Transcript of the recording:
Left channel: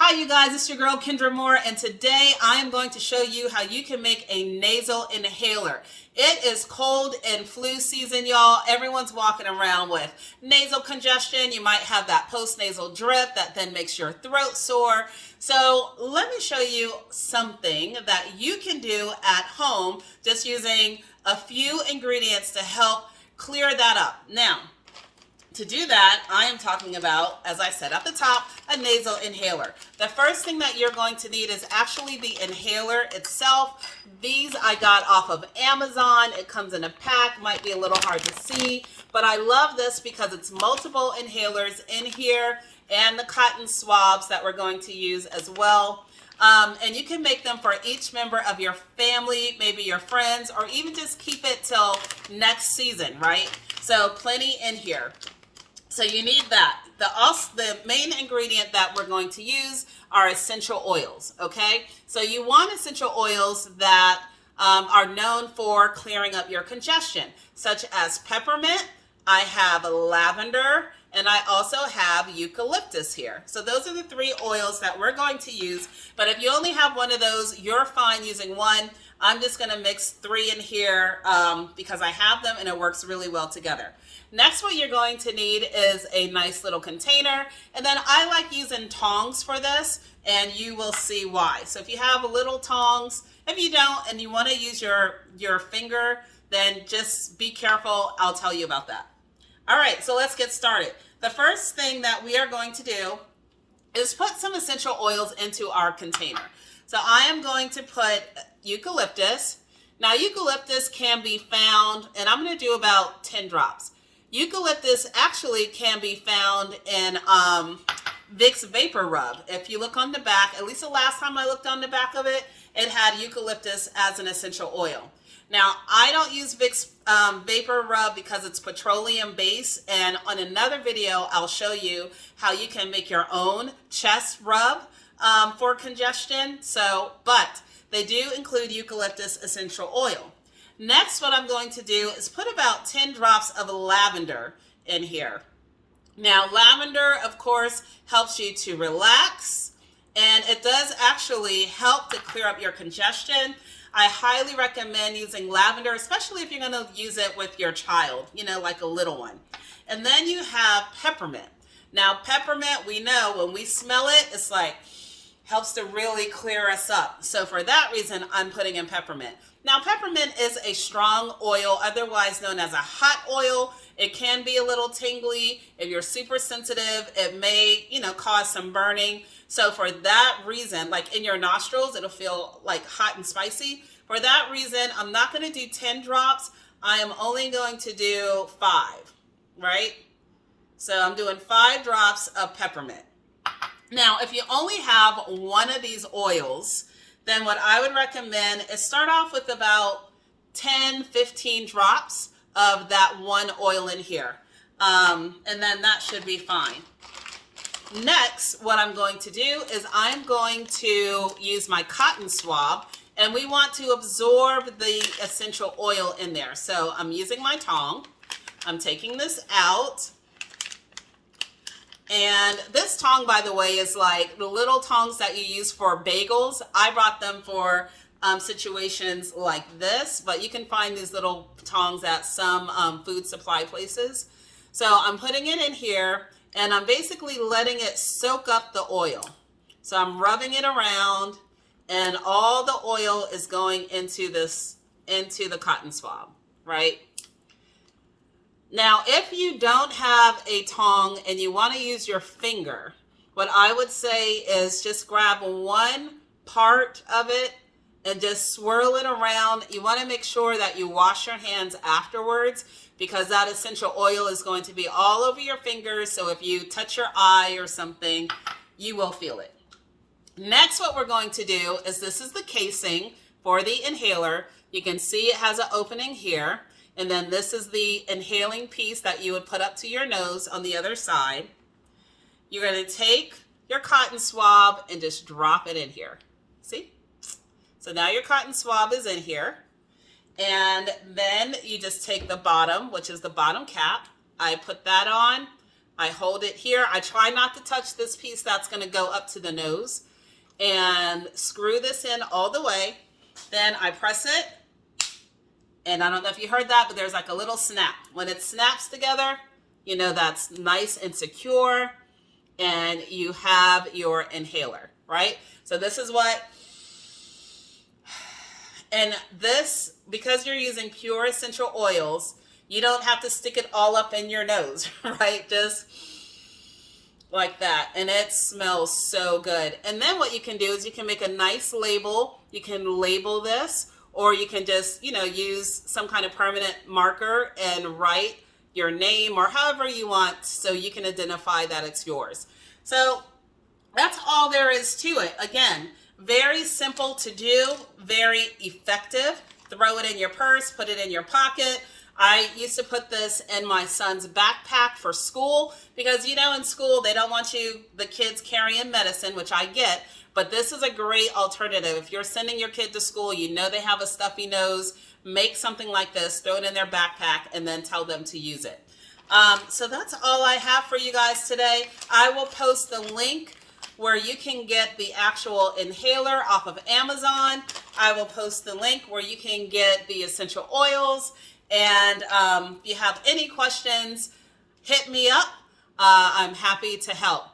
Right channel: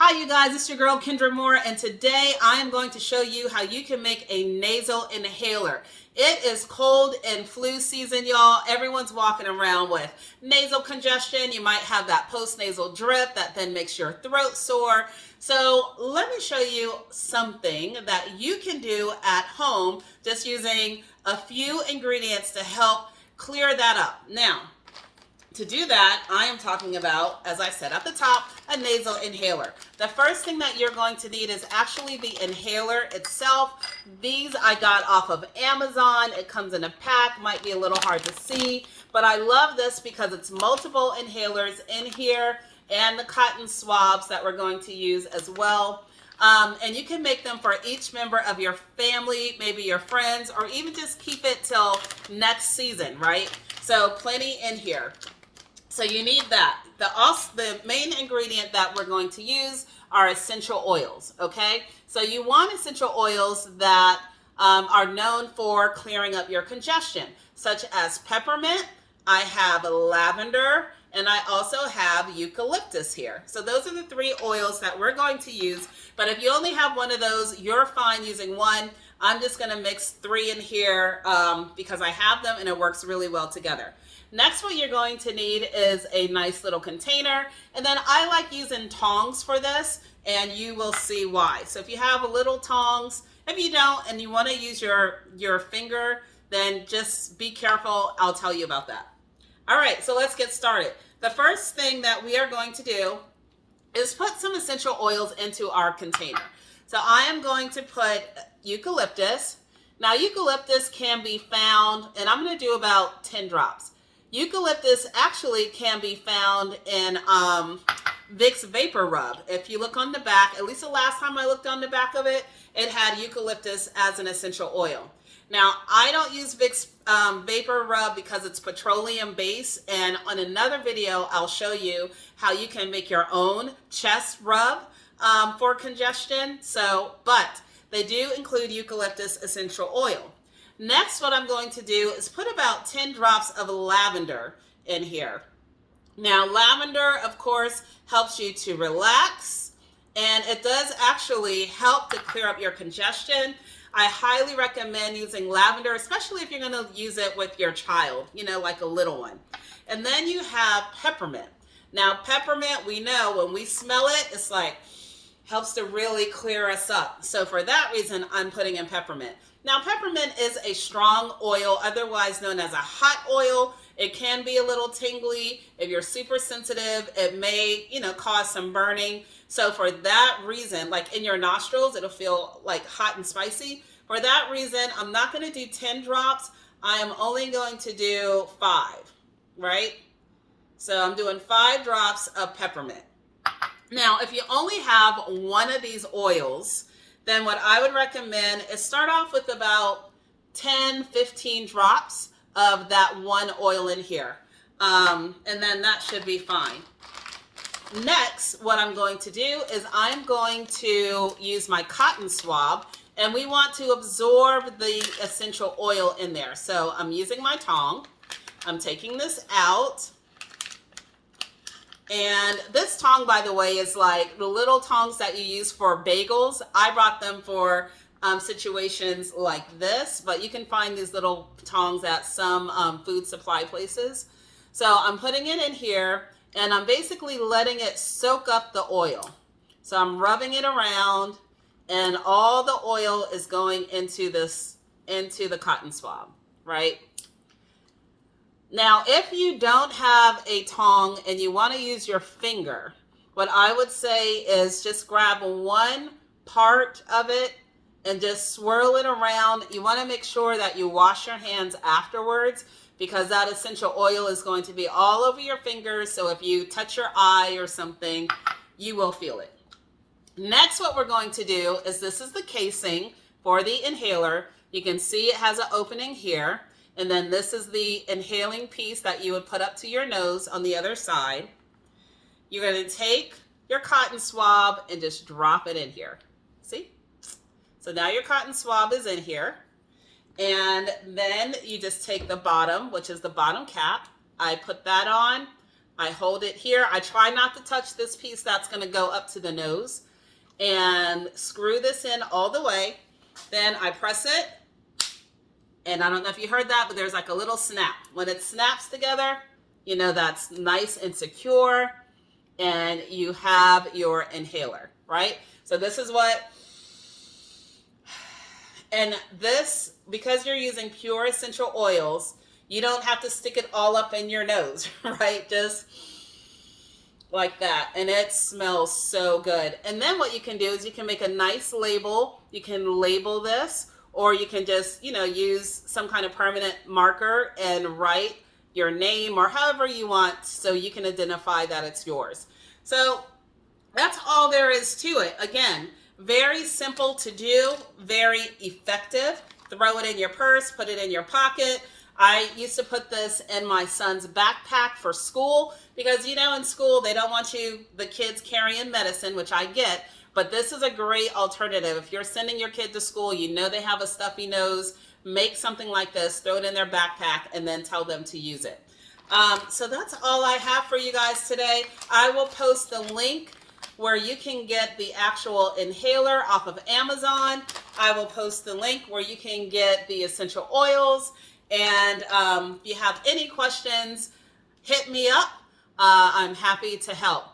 Hi you guys, it's your girl Kendra Moore, and today I am going to show you how you can make a nasal inhaler. It is cold and flu season, y'all. Everyone's walking around with nasal congestion. You might have that post-nasal drip that then makes your throat sore. So let me show you something that you can do at home just using a few ingredients to help clear that up. Now, to do that, I am talking about, as I said at the top, a nasal inhaler. The first thing that you're going to need is actually the inhaler itself. These I got off of Amazon. It comes in a pack, might be a little hard to see, but I love this because it's multiple inhalers in here and the cotton swabs that we're going to use as well. And you can make them for each member of your family, maybe your friends, or even just keep it till next season, right? So plenty in here. So you need that. The main ingredient that we're going to use are essential oils, okay? So you want essential oils that are known for clearing up your congestion, such as peppermint. I have lavender, and I also have eucalyptus here. So those are the three oils that we're going to use. But if you only have one of those, you're fine using one. I'm just going to mix three in here because I have them and it works really well together. Next, what you're going to need is a nice little container. And then I like using tongs for this, and you will see why. So if you have little tongs, if you don't and you want to use your finger, then just be careful. I'll tell you about that. All right, so let's get started. The first thing that we are going to do is put some essential oils into our container. So I am going to put eucalyptus. Now eucalyptus can be found, and I'm going to do about 10 drops. Eucalyptus actually can be found in Vicks Vapor Rub. If you look on the back, at least the last time I looked on the back of it, it had eucalyptus as an essential oil. Now, I don't use Vicks Vapor Rub because it's petroleum based, and on another video, I'll show you how you can make your own chest rub for congestion. But they do include eucalyptus essential oil. Next, what I'm going to do is put about 10 drops of lavender in here. Now, lavender, of course, helps you to relax, and it does actually help to clear up your congestion. I highly recommend using lavender, especially if you're going to use it with your child, like a little one. And then you have peppermint. Now, peppermint, we know when we smell it, it's like, helps to really clear us up. So for that reason, I'm putting in peppermint. Now, peppermint is a strong oil, otherwise known as a hot oil. It can be a little tingly. If you're super sensitive, it may, cause some burning. So for that reason, like in your nostrils, it'll feel like hot and spicy. For that reason, I'm not going to do 10 drops. I am only going to do 5, right? So I'm doing 5 drops of peppermint. Now, if you only have one of these oils, then what I would recommend is start off with about 10, 15 drops of that one oil in here. And then that should be fine. Next, what I'm going to do is I'm going to use my cotton swab, and we want to absorb the essential oil in there. So I'm using my tong. I'm taking this out. And this tong, by the way, is like the little tongs that you use for bagels. I brought them for situations like this, but you can find these little tongs at some food supply places. So I'm putting it in here, and I'm basically letting it soak up the oil. So I'm rubbing it around, and all the oil is going into the cotton swab, right? Now, if you don't have a tong and you want to use your finger, what I would say is just grab one part of it and just swirl it around. You want to make sure that you wash your hands afterwards because that essential oil is going to be all over your fingers. So if you touch your eye or something, you will feel it. Next, what we're going to do is this is the casing for the inhaler. You can see it has an opening here. And then this is the inhaling piece that you would put up to your nose on the other side. You're going to take your cotton swab and just drop it in here. See? So now your cotton swab is in here. And then you just take the bottom, which is the bottom cap. I put that on. I hold it here. I try not to touch this piece that's going to go up to the nose, and screw this in all the way. Then I press it, and I don't know if you heard that, but there's like a little snap. When it snaps together, you know that's nice and secure, and you have your inhaler, right? So this is what, and this, because you're using pure essential oils, you don't have to stick it all up in your nose, right? Just like that. And it smells so good. And then what you can do is you can make a nice label. You can label this, or you can just, you know, use some kind of permanent marker and write your name or however you want so you can identify that it's yours. So that's all there is to it. Again, very simple to do, very effective. Throw it in your purse, put it in your pocket. I used to put this in my son's backpack for school because, you know, in school, they don't want the kids carrying medicine, which I get, but this is a great alternative. If you're sending your kid to school, you know they have a stuffy nose, make something like this, throw it in their backpack, and then tell them to use it. So that's all I have for you guys today. I will post the link where you can get the actual inhaler off of Amazon. I will post the link where you can get the essential oils. And if you have any questions, hit me up. I'm happy to help.